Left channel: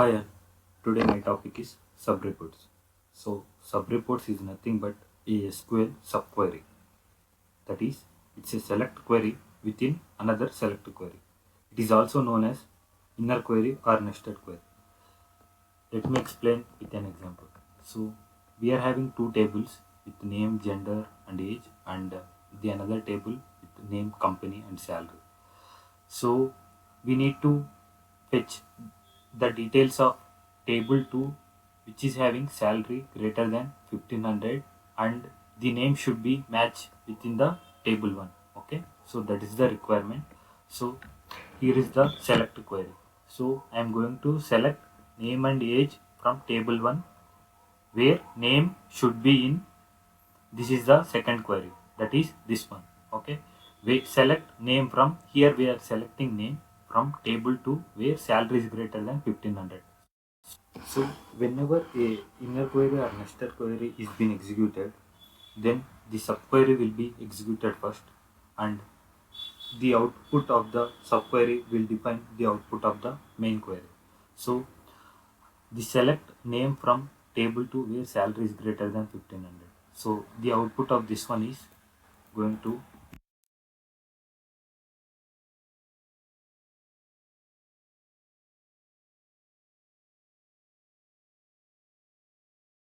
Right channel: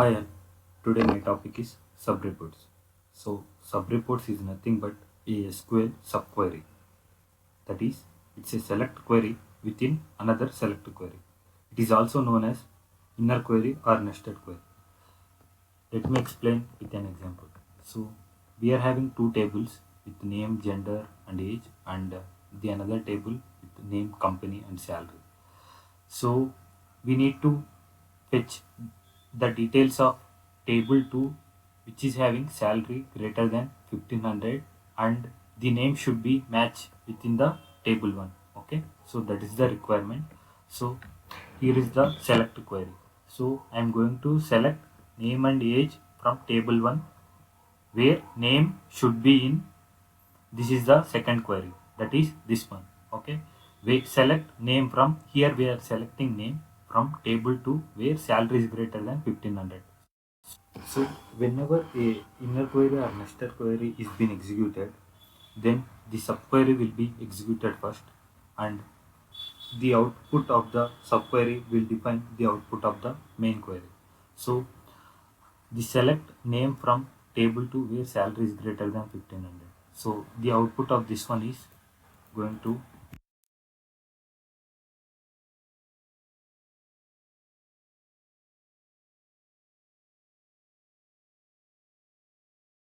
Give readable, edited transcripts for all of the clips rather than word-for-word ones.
Hi, all. Today my topic is subreports. So, subreports is nothing but a SQL subquery. That is, it's a select query within another select query. It is also known as inner query or nested query. Let me explain with an example. So, we are having two tables with name, gender, and age, and the another table with name, company, and salary. So, we need to fetch the details of table 2 which is having salary greater than 1500, and the name should be match within the table 1. Okay, so that is the requirement. So here is the select query. So I am going to select name and age from table 1, where name should be in, this is the second query, that is this one. Okay, we select name from here, we are selecting name from table 2 where salary is greater than 1500. So whenever a inner query or nested query is being executed, then the subquery will be executed first, and the output of the subquery will define the output of the main query. So the select name from table 2 where salary is greater than 1500. So the output of this one is going to,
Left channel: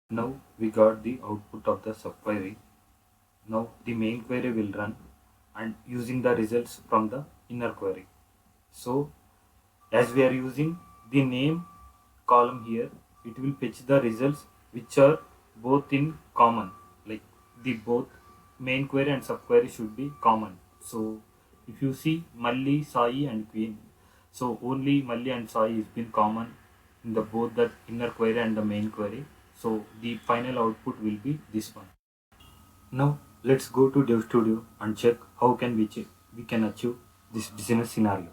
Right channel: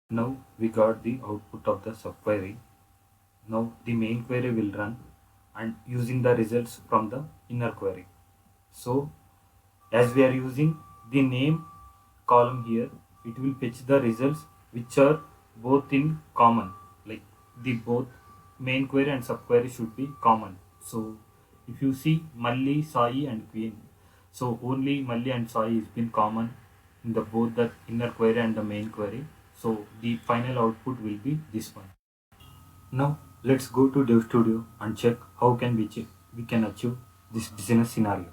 now we got the output of the subquery. Now the main query will run and using the results from the inner query. So as we are using the name column here, it will fetch the results which are both in common, like the both main query and subquery should be common. So if you see Malli, Sai and Queen, so only Malli and Sai has been common in the both the inner query and the main query. So the final output will be this one. Now let's go to Dev Studio and check how can we can achieve this business scenario.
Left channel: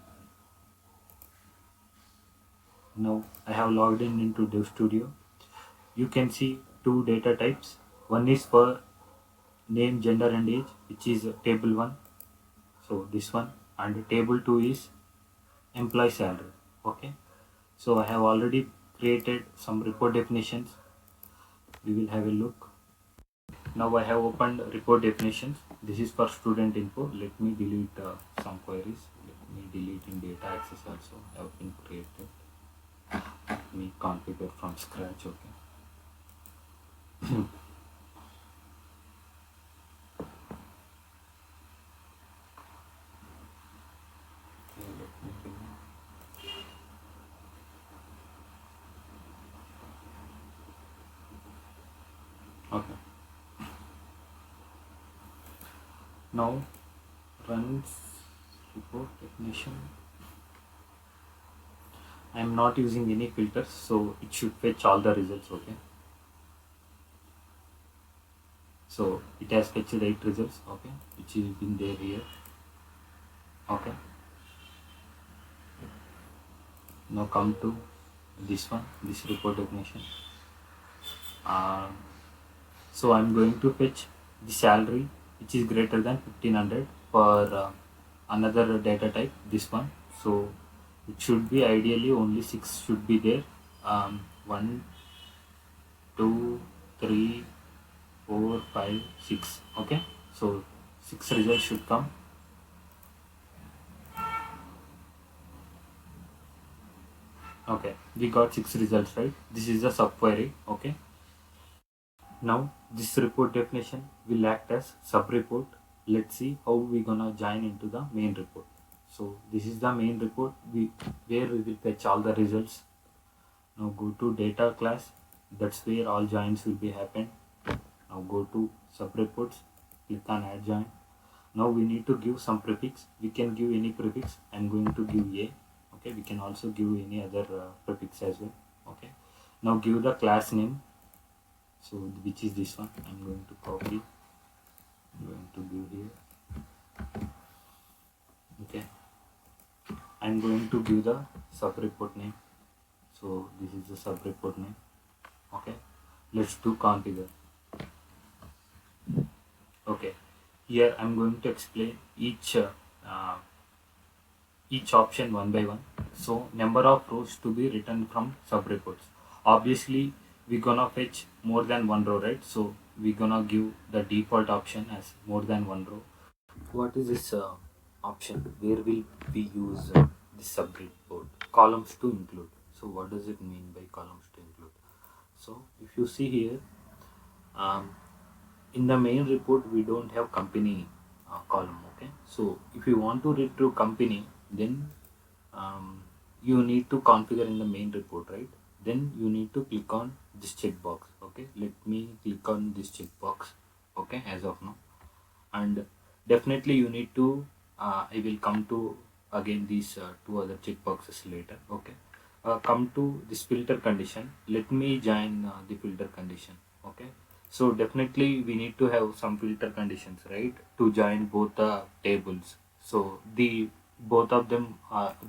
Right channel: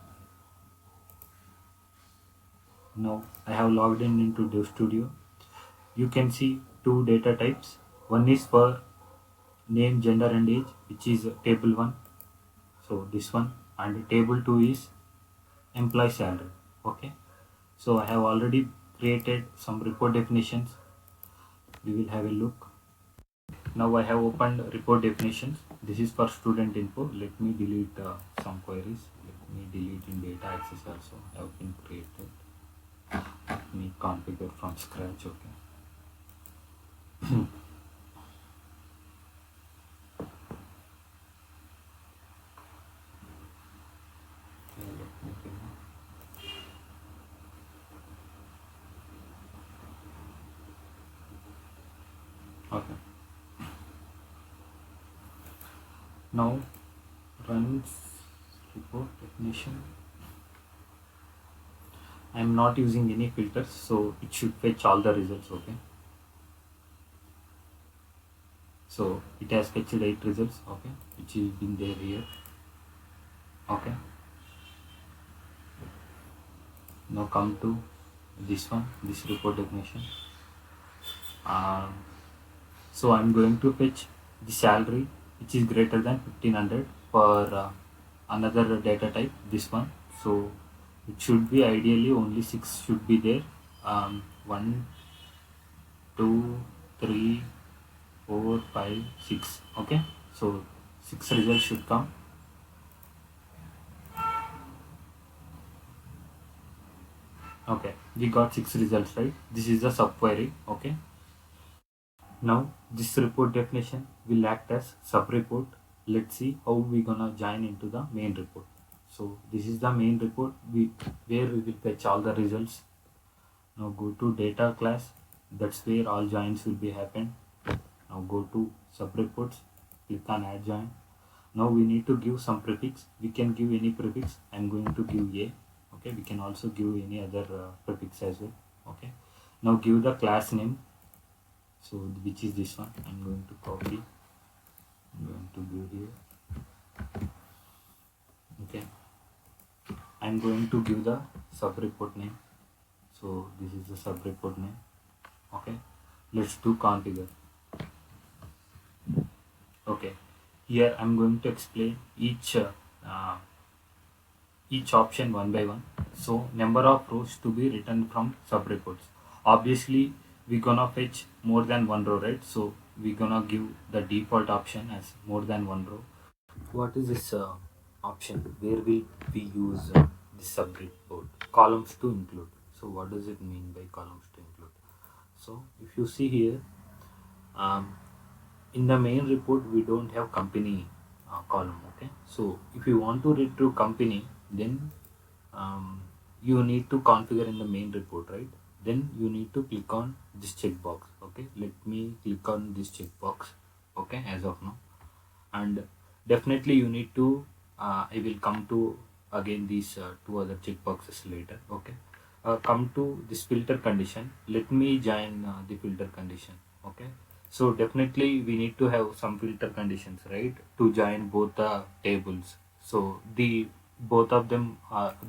Now I have logged in into Dev Studio. You can see two data types. One is for name, gender and age, which is table 1. So this one, and table 2 is employee salary. Okay. So I have already created some report definitions. We will have a look. Now I have opened report definitions. This is for student info. Let me delete some queries. Let me delete in data access also. Have been created. Let me configure from scratch. Okay. Okay. Now runs report definition. I am not using any filters, so it should fetch all the results. Okay. So it has fetched 8 results. Okay, which is been there here. Okay. Now come to this one, this report definition. So I'm going to fetch the salary which is greater than 1500 for another data type, this one. So it should be ideally only 6 should be there. 1, 2, 3, 4, 5, 6. Okay, so 6 results should come. Okay, we got 6 results, right? This is the subquery. Okay, now this report definition will act as subreport. Let's see how we gonna join into the main report. So this is the main report where we will fetch all the results. Now go to data class. That's where all joins will be happen. Now go to subreports. Click on add join. Now we need to give some prefix. We can give any prefix. I'm going to give a. Okay, we can also give any other prefix as well. Okay, now give the class name. So which is this one. I'm going to copy. I'm going to give here. Okay, I'm going to give the subreport name. So this is the subreport name. Okay, let's do configure. Okay, here I'm going to explain each option one by one. So number of rows to be written from subreports. Obviously, we're gonna fetch more than one row, right? So we're gonna give the default option as more than one row. What is this option? Where will we use this subreport? Columns to include. So what does it mean by columns to include? So if you see here, um, in the main report we don't have company column. Okay, so if you want to retrieve company, then you need to configure in the main report, right? Then you need to click on this checkbox. Okay, let me click on this checkbox. Okay, as of now, and definitely you need to I will come to again these two other checkboxes later. Okay, come to this filter condition. Let me join the filter condition. Okay, so definitely we need to have some filter conditions, right, to join both the tables. So the both of them,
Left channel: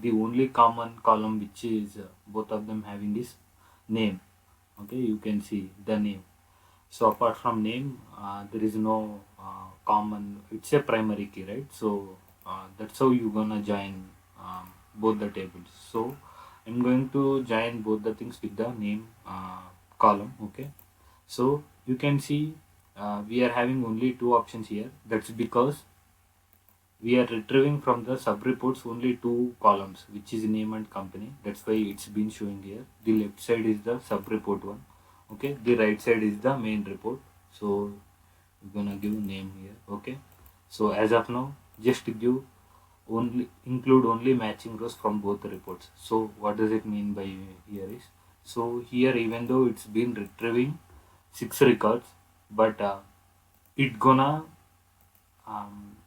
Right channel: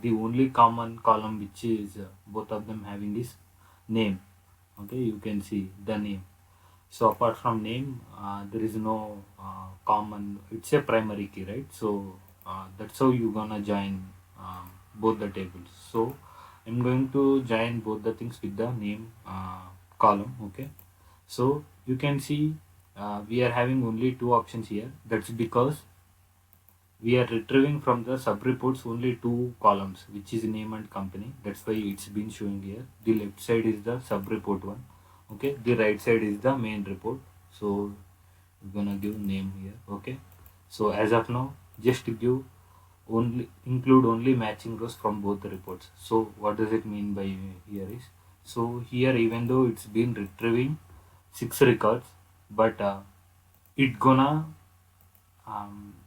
the only common column which is both of them having is name. Okay, you can see the name. So apart from name, there is no common. It's a primary key, right? So that's how you gonna join both the tables. So I'm going to join both the things with the name column. Okay. So you can see we are having only two options here. That's because we are retrieving from the subreports only two columns, which is name and company. That's why it's been showing here. The left side is the subreport one. Okay, the right side is the main report. So we're gonna give name here. Okay, so as of now, just give only include only matching rows from both the reports. So what does it mean by here is, so here even though it's been retrieving 6 records, but it gonna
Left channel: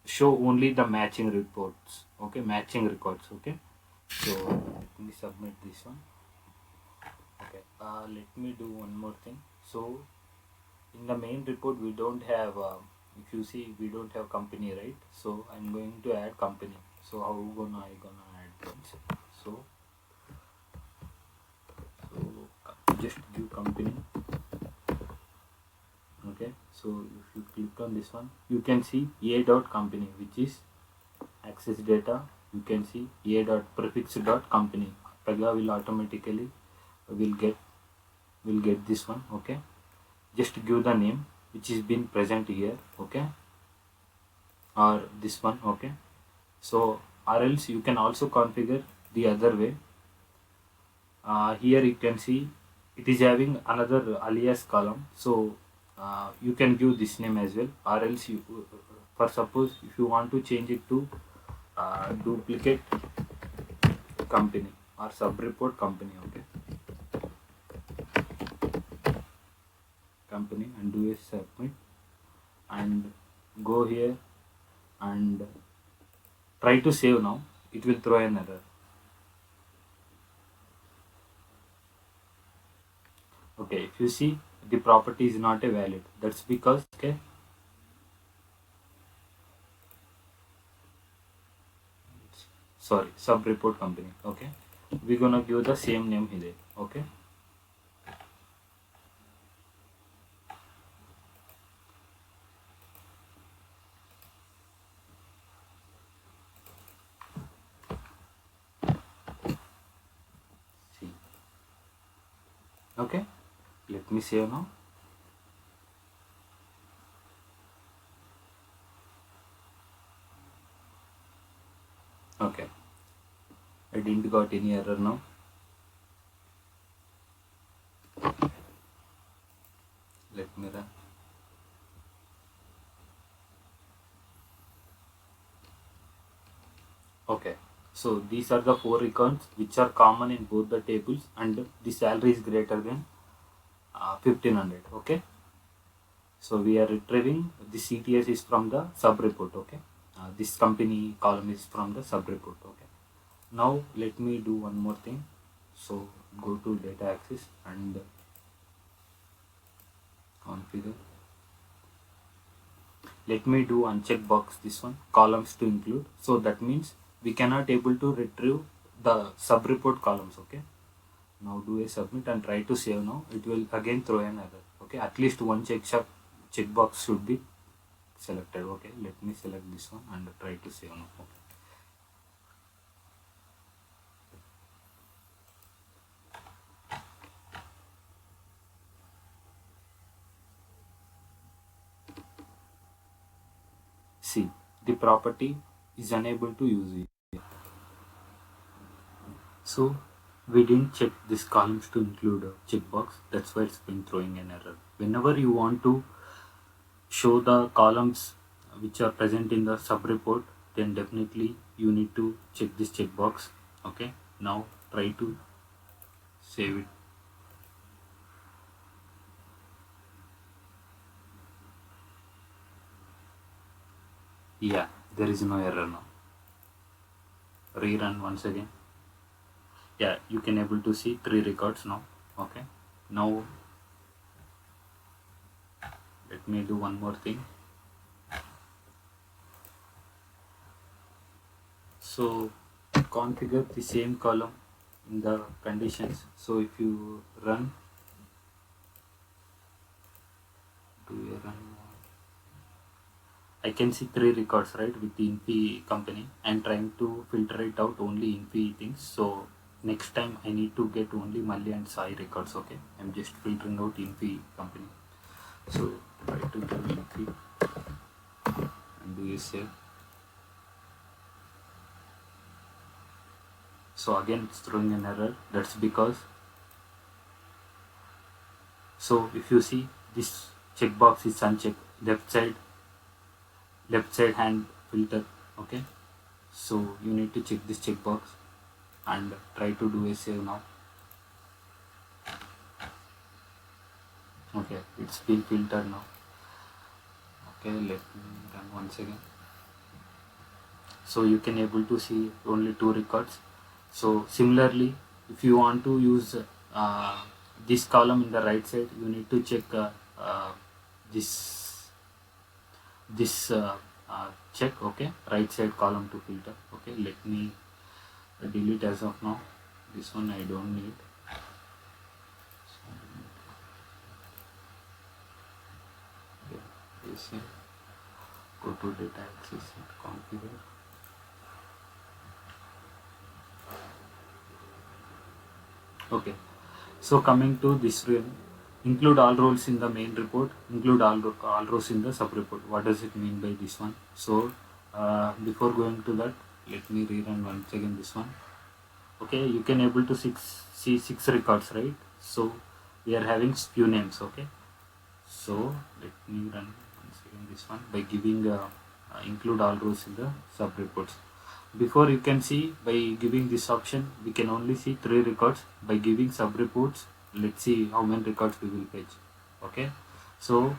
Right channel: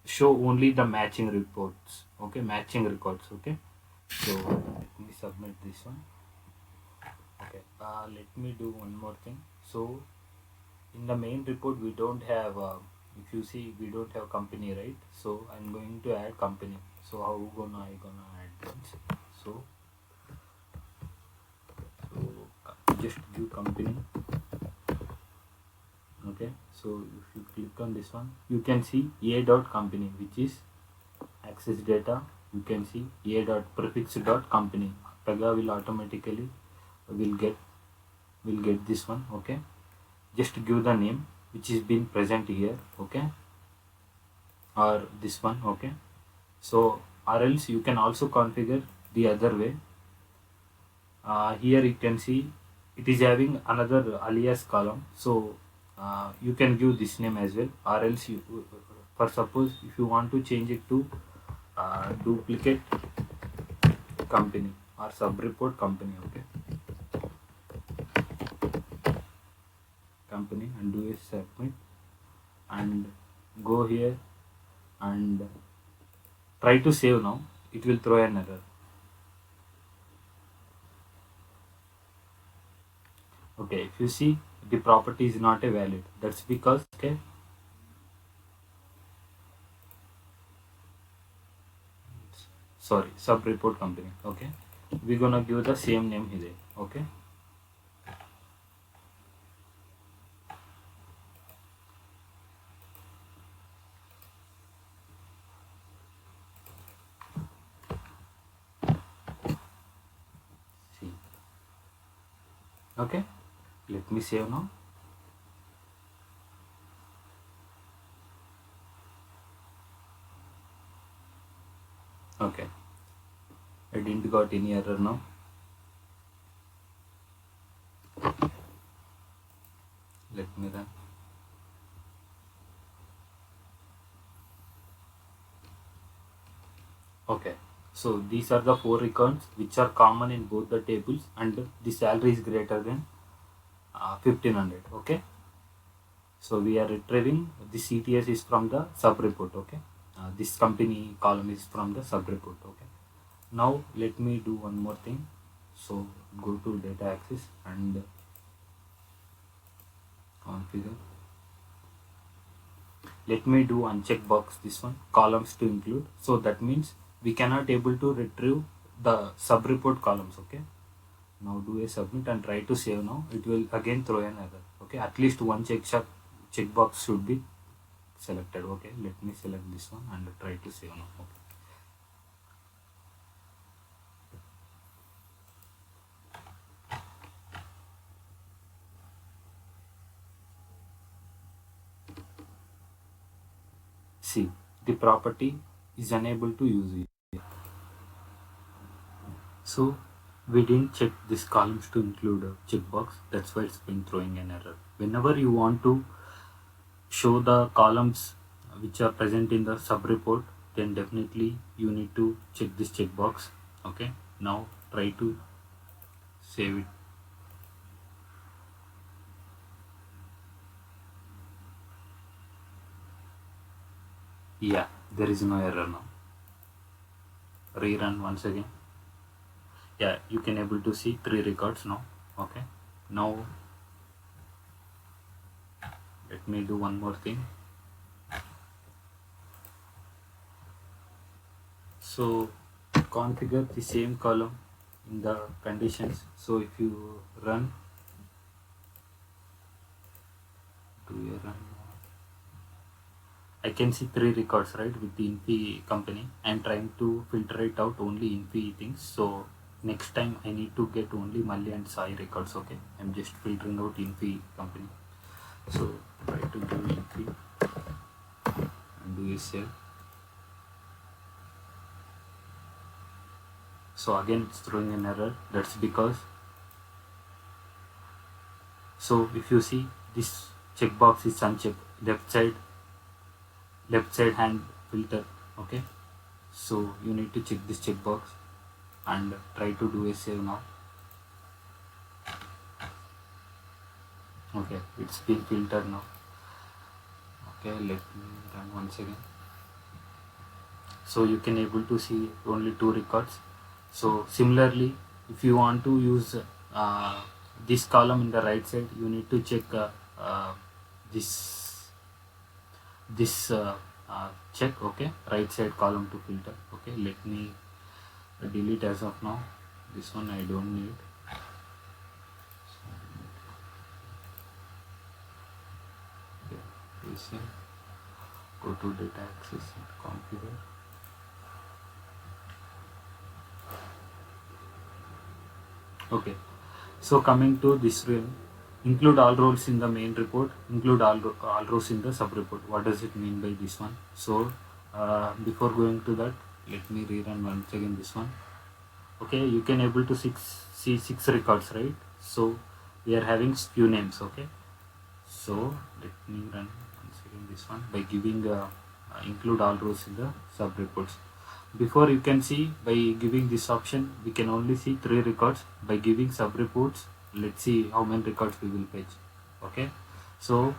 show only the matching reports. Okay, matching records. Okay, so let me submit this one. Okay, let me do one more thing. So in the main report we don't have if you see we don't have company, right? So I'm going to add company. So how I gonna add this? So just give company. Okay, so if you click on this one, you can see a dot company, which is access data. You can see a dot prefix dot company. Pega will automatically will get this one. Okay, just give the name which is being present here. Okay, or this one. Okay, so or else you can also configure the other way. Here you can see it is having another alias column. So you can give this name as well, or else you for suppose if you want to change it to duplicate company or subreport company. Okay, company, and do a submit and go here and try to save. Now it will throw an error. Okay, if you see the property is not a valid, that's because okay, sorry, subreport company. Okay, we're gonna give the same name here. Okay, see. Okay, let me save now. Okay, I didn't got any error now. Let me run. Okay, so these are the 4 records which are common in both the tables, and the salary is greater than 1500. Okay, so we are retrieving the CTS is from the sub report. Okay, this company column is from the sub report. Okay, now let me do one more thing. So go to data access and configure. Let me do uncheck box this one, columns to include. So that means we cannot able to retrieve the sub report columns. Okay, now do a submit and try to save. Now it will again throw an error. Okay, at least one checkbox should be selected. Okay, let me select this one and try to save now. Okay. see the property is unable to use it. So we didn't check this columns to include a checkbox. That's why it's been throwing an error. Whenever you want to show the columns which are present in the sub report, then definitely you need to check this checkbox. Okay, now try to save it. Yeah, there is no error now. Rerun once again. Yeah, you can able to see 3 records now. Okay, now let me do one more thing. So configure the same column in the conditions. So if you run, do you run? I can see 3 records, right, with the Infi company. I'm trying to filter it out only Infi things. So next time I need to get only Mali and Sai records. Okay, I'm just filtering out Infi company. So try to do Infi and do a save. So again it's throwing an error. That's because, so if you see this checkbox is unchecked, left side hand filter. Okay, so you need to check this checkbox and try to do a save now. Okay, it's been filtered now. Okay, let me run once again. So you can able to see only 2 records. So similarly, if you want to use this column in the right side, you need to check this check. Okay, right side column to filter. Okay, let me delete as of now. This one I don't need. Okay, go to data access and configure. Okay, so coming to this rule, include all roles in the main report, include all rows in the sub report. What does it mean by this one? So before going to that, let me rerun once again this one. Okay, you can able to see 6 records, right? So we are having few names. Okay, so let me run once again this one by giving include all rows in the sub reports. Before you can see by giving this option, we can only see 3 records. By giving sub reports, let's see how many records we will fetch. Okay, so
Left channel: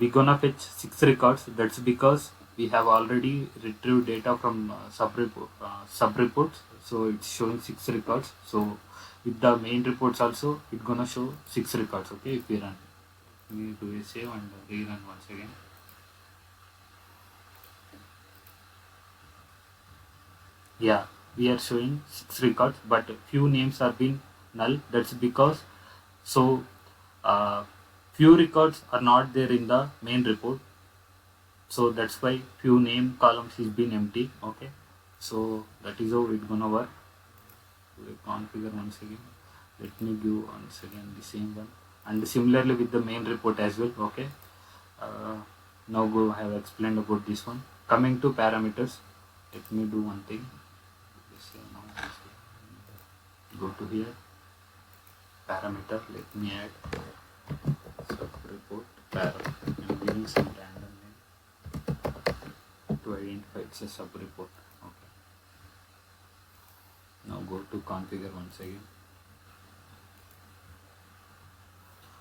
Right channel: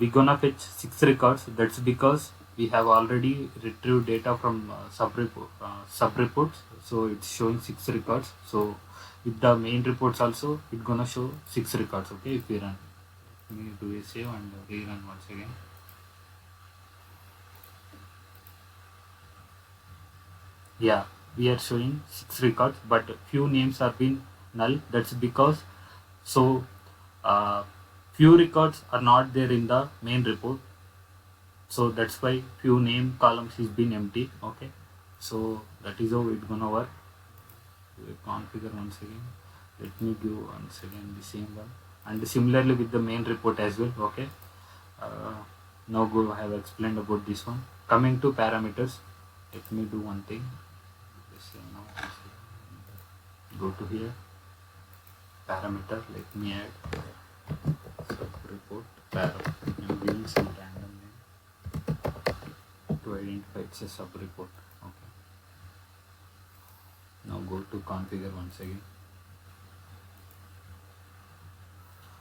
we gonna fetch 6 records. That's because we have already retrieved data from sub reports, so it's showing 6 records. So with the main reports also, it's gonna show 6 records. Okay, if we run, we do a save and rerun once again. Yeah, we are showing 6 records, but few names are been null. That's because, so few records are not there in the main report, so that's why few name columns is been empty. Okay, so that is how it's gonna work. We configure once again. Let me give once again the same one, and similarly with the main report as well. Okay, now I have explained about this one. Coming to parameters, let me do one thing. Go to here, parameter, let me add SubReport param. I'm giving some random name to identify it's a SubReport. Okay, now go to configure once again.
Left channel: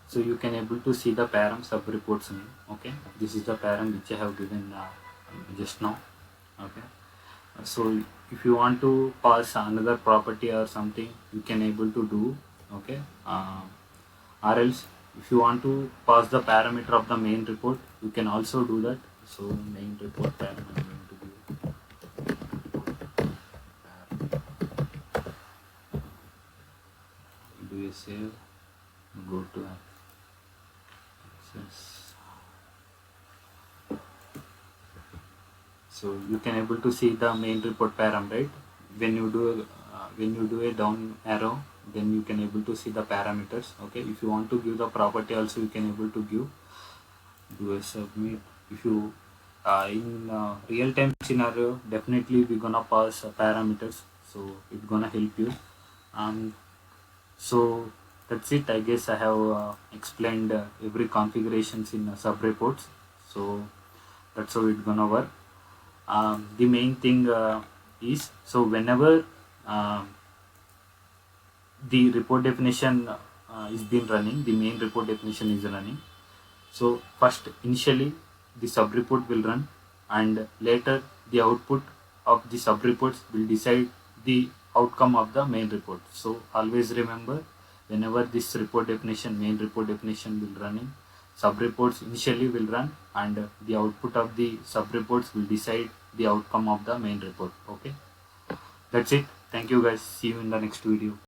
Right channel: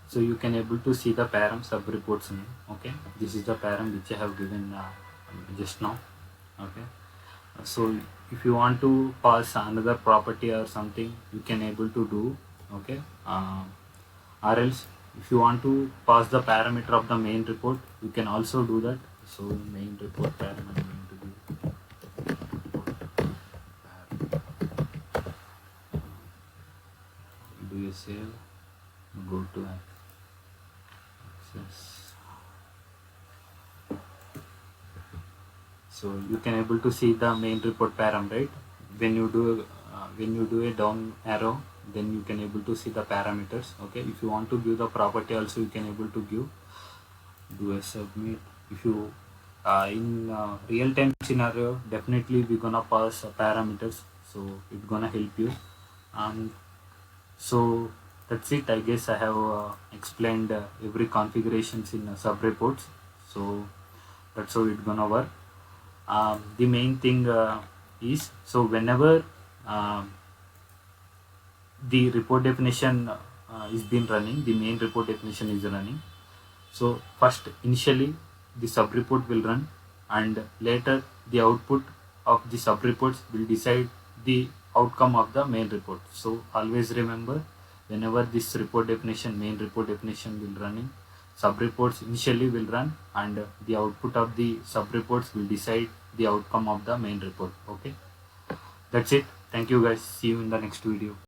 So you can able to see the param SubReports name. Okay, this is the param which I have given just now. Okay, so if you want to pass another property or something, you can able to do. Okay, or else if you want to pass the parameter of the main report, you can also do that. So main report param, I'm going to give do a save, go to access. So you can able to see the main report param, right? When you do a down arrow, then you can able to see the parameters. Okay, if you want to give the property also, you can able to give, do a submit. If you In real time scenario, definitely we're gonna pass parameters, so it's gonna help you. And so that's it. I guess I have explained every configurations in subreports. So that's how it's gonna work. The main thing is, so whenever um, the report definition is been running, the main report definition is running. So first initially the subreport will run, and later the output of the subreports will decide the outcome of the main report. So always remember, whenever this report definition, main report definition will running, subreports initially will run, and the output of the subreports will decide the outcome of the main report. Okay, that's it. Thank you guys. See you in the next video.